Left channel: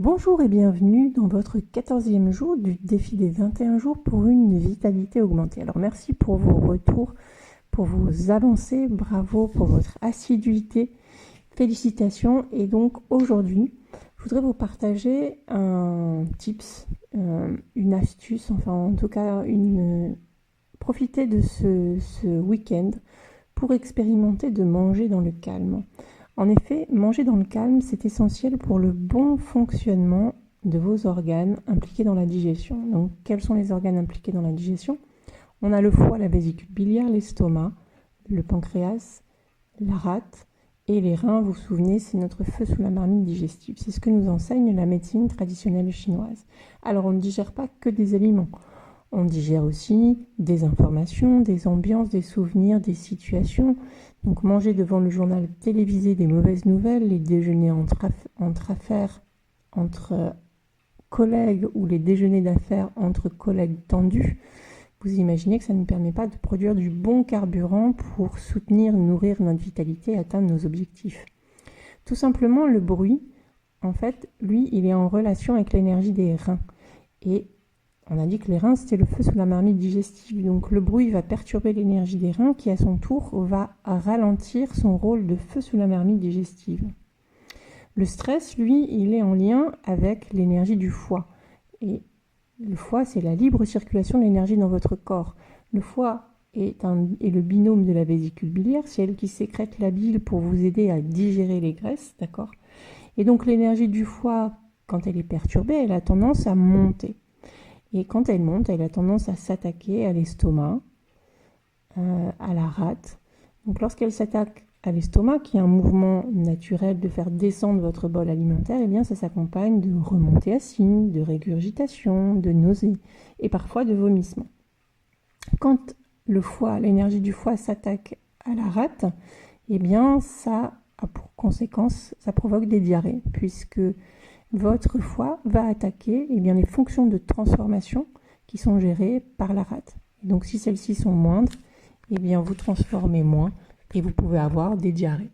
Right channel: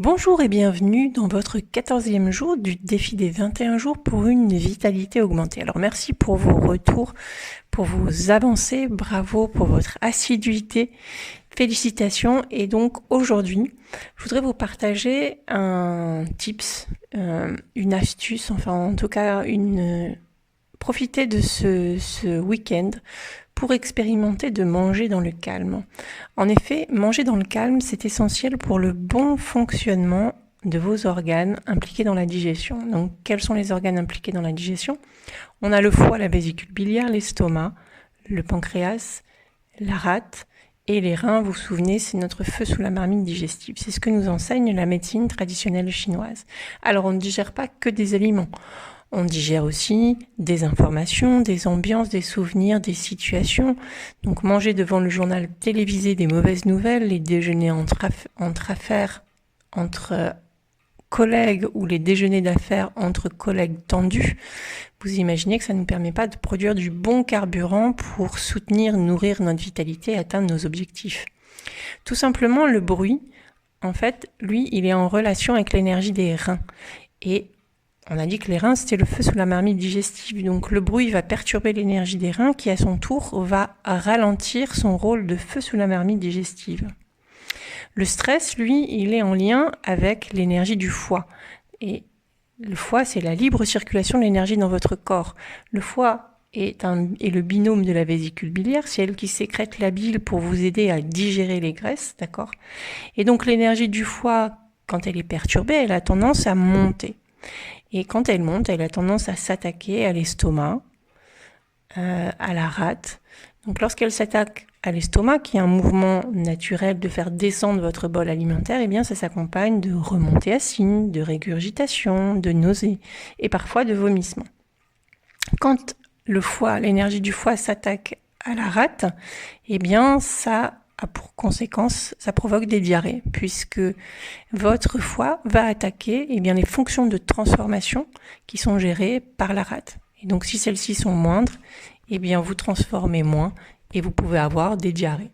Bonjour et bienvenue dans votre 14e jour du défi des 21 jours pour une vitalité augmentée. Alors merci pour vos retours, pour vos avancées, bravo pour votre assiduité, félicitations. Et donc aujourd'hui, je voudrais vous partager un tips, une astuce, enfin en tout cas profiter de ce week-end pour expérimenter de manger dans le calme. En effet, manger dans le calme, c'est essentiel pour le bon fonctionnement de vos organes impliqués dans la digestion. Donc, quels sont les organes impliqués dans la digestion ? On a le foie, la vésicule biliaire, l'estomac, le pancréas, la rate et les reins. Vous vous souvenez, c'est notre feu sous la marmite digestive. C'est ce que nous enseigne la médecine traditionnelle chinoise. Alors, on ne digère pas que des aliments. On digère aussi des informations, des ambiances, des souvenirs, des situations. Donc manger devant le journal télévisé des mauvaises nouvelles, les déjeuners entre affaires, entre collègues ou les déjeuners d'affaires entre collègues tendus, vous imaginez que ça ne nous permet pas de produire du bon carburant pour soutenir, nourrir notre vitalité et atteindre nos objectifs. Tout simplement, le bruit, en fait, lui, il est en relation avec l'énergie des reins. Et on a dit que les reins, c'était le feu sous la marmite digestive. Donc le bruit va perturber l'énergie des reins qui, à son tour, va ralentir son rôle de feu sous la marmite digestive. Le stress, lui, il est en lien avec l'énergie du foie. Et le foie, c'est la libre circulation de l'énergie dans votre corps. Le foie est le binôme de la vésicule biliaire. C'est elle qui sécrète la bile pour vous aider à digérer les graisses, d'accord ? Et donc l'énergie du foie, quand elle est perturbée, elle a tendance à monter. Et quand elle monte, elle a tendance à s'attaquer à l'estomac, à la rate. Donc lorsqu'elle s'attaque à l'estomac, qui est un mouvement naturel de faire descendre votre bol alimentaire, eh bien ça s'accompagne de remontées acines, de régurgitation, de nausées et parfois de vomissements. Quand le foie, l'énergie du foie s'attaque à la rate, eh bien ça a pour conséquence, ça provoque des diarrhées, puisque votre foie va attaquer les fonctions de transformation qui sont gérées par la rate. Et donc si celles-ci sont moindres, vous transformez moins et vous pouvez avoir des diarrhées.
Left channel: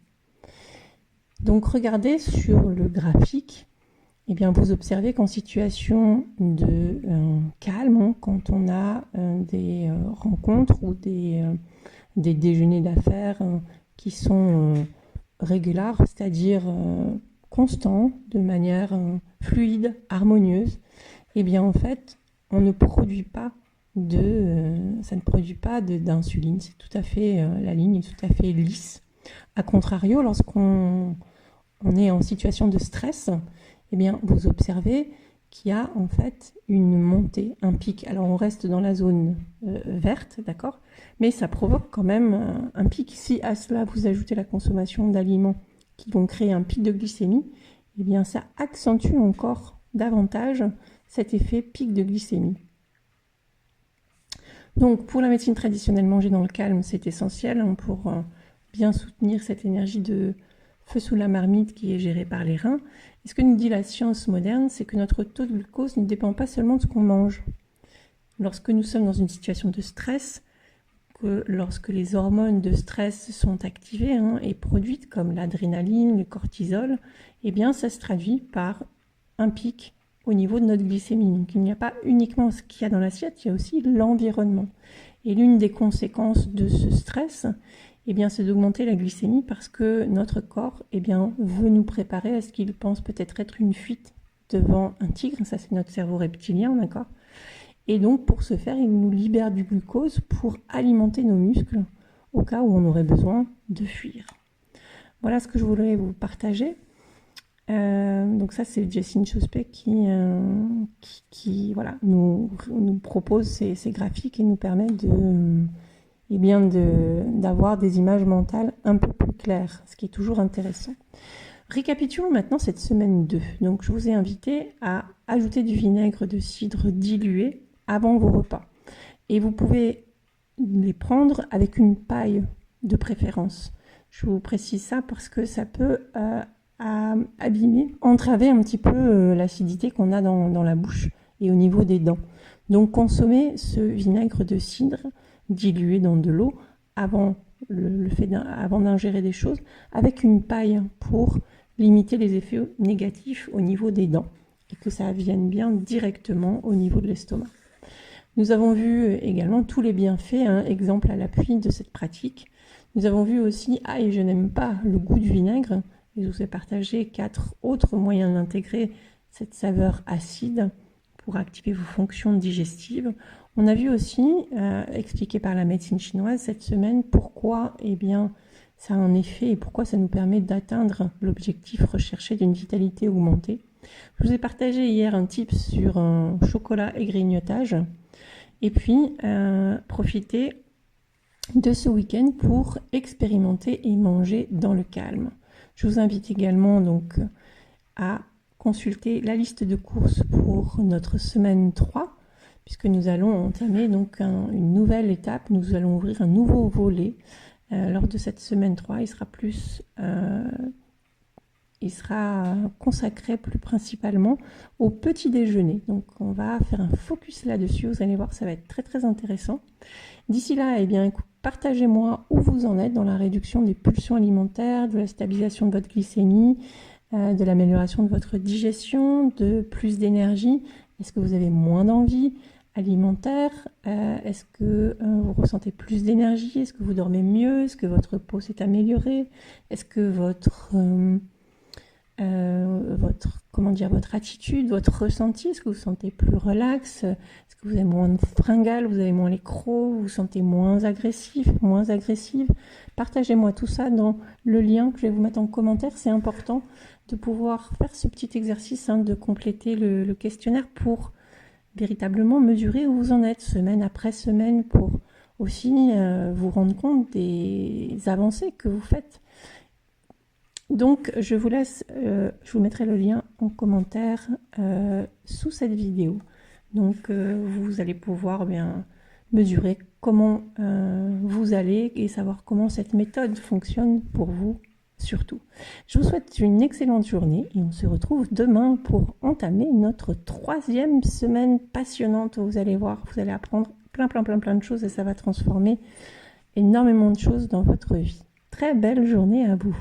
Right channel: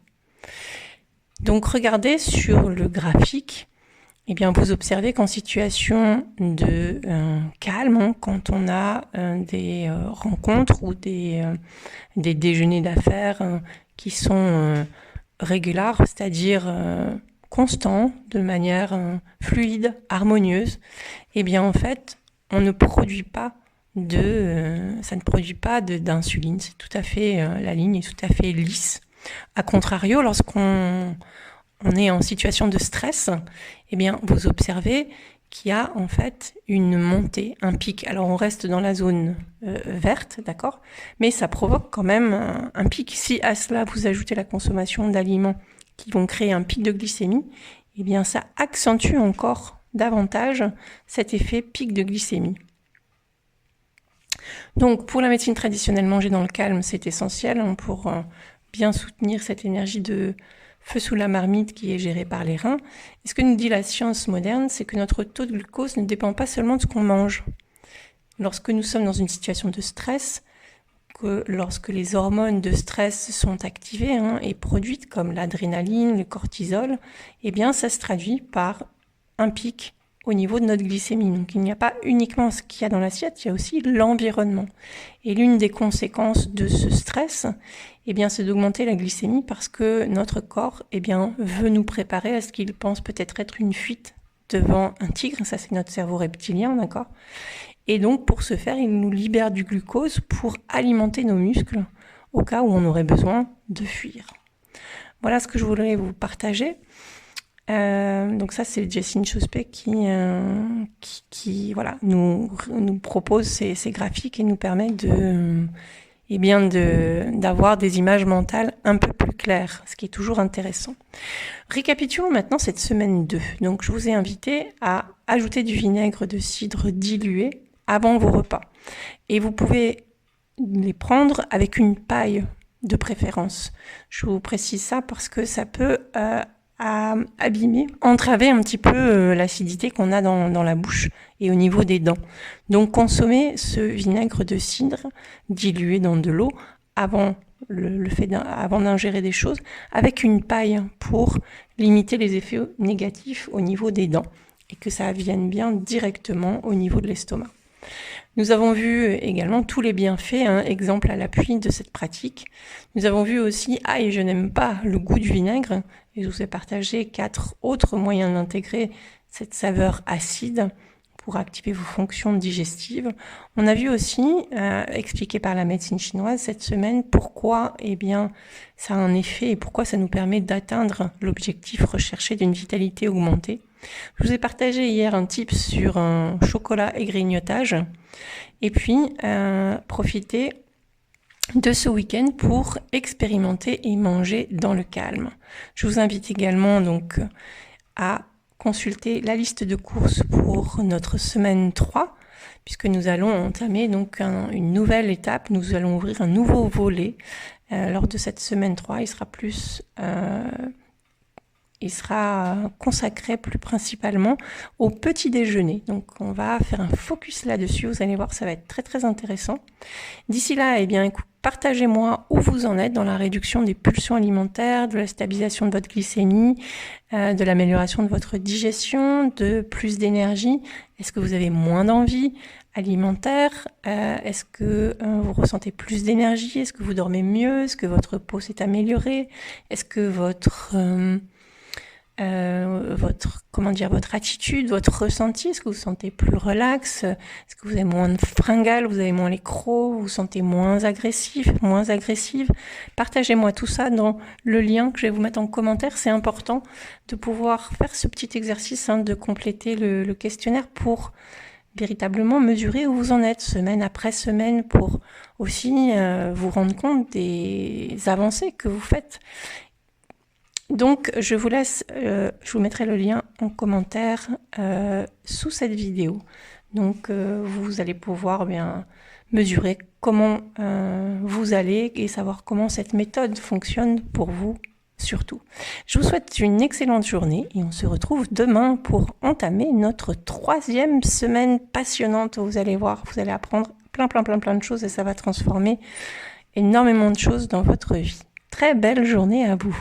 Donc regardez sur le graphique, vous observez qu'en situation de calme, quand on a des rencontres ou des déjeuners d'affaires qui sont régulars, c'est-à-dire constant, de manière fluide, harmonieuse, en fait, on ne produit pas ça ne produit pas d'insuline. C'est tout à fait, la ligne est tout à fait lisse. A contrario, lorsqu'on est en situation de stress, vous observez qu'il y a en fait une montée, un pic. Alors on reste dans la zone verte, d'accord ? Mais ça provoque quand même un pic. Si à cela vous ajoutez la consommation d'aliments qui vont créer un pic de glycémie, ça accentue encore davantage cet effet pic de glycémie. Donc pour la médecine traditionnelle, manger dans le calme, c'est essentiel pour bien soutenir cette énergie de feu sous la marmite qui est gérée par les reins. Et ce que nous dit la science moderne, c'est que notre taux de glucose ne dépend pas seulement de ce qu'on mange. Lorsque nous sommes dans une situation de stress, lorsque les hormones de stress sont activées et produites comme l'adrénaline, le cortisol, ça se traduit par un pic au niveau de notre glycémie. Donc il n'y a pas uniquement ce qu'il y a dans l'assiette, il y a aussi l'environnement. Et l'une des conséquences de ce stress, c'est d'augmenter la glycémie parce que notre corps veut nous préparer à ce qu'il pense peut-être être une fuite devant un tigre. Ça, c'est notre cerveau reptilien, d'accord ? Et donc, pour ce faire, il nous libère du glucose pour alimenter nos muscles au cas où on aurait besoin de fuir. Voilà ce que je voulais vous partager. Donc ça, c'est Jessine Chospé qui nous propose ces graphiques et nous permet d'avoir des images mentales un peu plus claires, ce qui est toujours intéressant. Récapitulons maintenant cette semaine 2. Donc je vous ai invité à ajouter du vinaigre de cidre dilué avant vos repas. Et vous pouvez les prendre avec une paille de préférence. Je vous précise ça parce que ça peut abîmer, entraver un petit peu l'acidité qu'on a dans la bouche et au niveau des dents. Donc consommez ce vinaigre de cidre dilué dans de l'eau avant avant d'ingérer des choses avec une paille pour limiter les effets négatifs au niveau des dents. et que ça vienne bien directement au niveau de l'estomac. Nous avons vu également tous les bienfaits, exemple à l'appui de cette pratique. Nous avons vu aussi, et je n'aime pas le goût du vinaigre, et je vous ai partagé 4 autres moyens d'intégrer cette saveur acide pour activer vos fonctions digestives. On a vu aussi, expliqué par la médecine chinoise cette semaine, pourquoi ça a un effet et pourquoi ça nous permet d'atteindre l'objectif recherché d'une vitalité augmentée. Je vous ai partagé hier un tip sur un chocolat et grignotage. Et puis, profitez de ce week-end pour expérimenter et manger dans le calme. Je vous invite également donc à consulter la liste de courses pour notre semaine 3, puisque nous allons entamer donc une nouvelle étape. Nous allons ouvrir un nouveau volet lors de cette semaine 3. Il sera consacré plus principalement au petit déjeuner. Donc on va faire un focus là-dessus, vous allez voir, ça va être très très intéressant. D'ici là, partagez-moi où vous en êtes dans la réduction des pulsions alimentaires, de la stabilisation de votre glycémie, de l'amélioration de votre digestion, de plus d'énergie. Est-ce que vous avez moins d'envie alimentaire? Est-ce que vous ressentez plus d'énergie? Est-ce que vous dormez mieux? Est-ce que votre peau s'est améliorée? Est-ce que votre attitude, votre ressenti, est-ce que vous vous sentez plus relax? Est-ce que vous avez moins de fringales, vous avez moins les crocs, vous vous sentez moins agressif, moins agressive? Partagez-moi tout ça dans le lien que je vais vous mettre en commentaire. C'est important de pouvoir faire ce petit exercice, de compléter le questionnaire pour véritablement mesurer où vous en êtes semaine après semaine, pour aussi vous rendre compte des avancées que vous faites. Donc, je vous laisse, je vous mettrai le lien en commentaire sous cette vidéo. Donc, vous allez pouvoir mesurer comment vous allez et savoir comment cette méthode fonctionne pour vous surtout. Je vous souhaite une excellente journée et on se retrouve demain pour entamer notre 3e semaine passionnante. Vous allez voir, vous allez apprendre plein de choses et ça va transformer énormément de choses dans votre vie. Très belle journée à vous.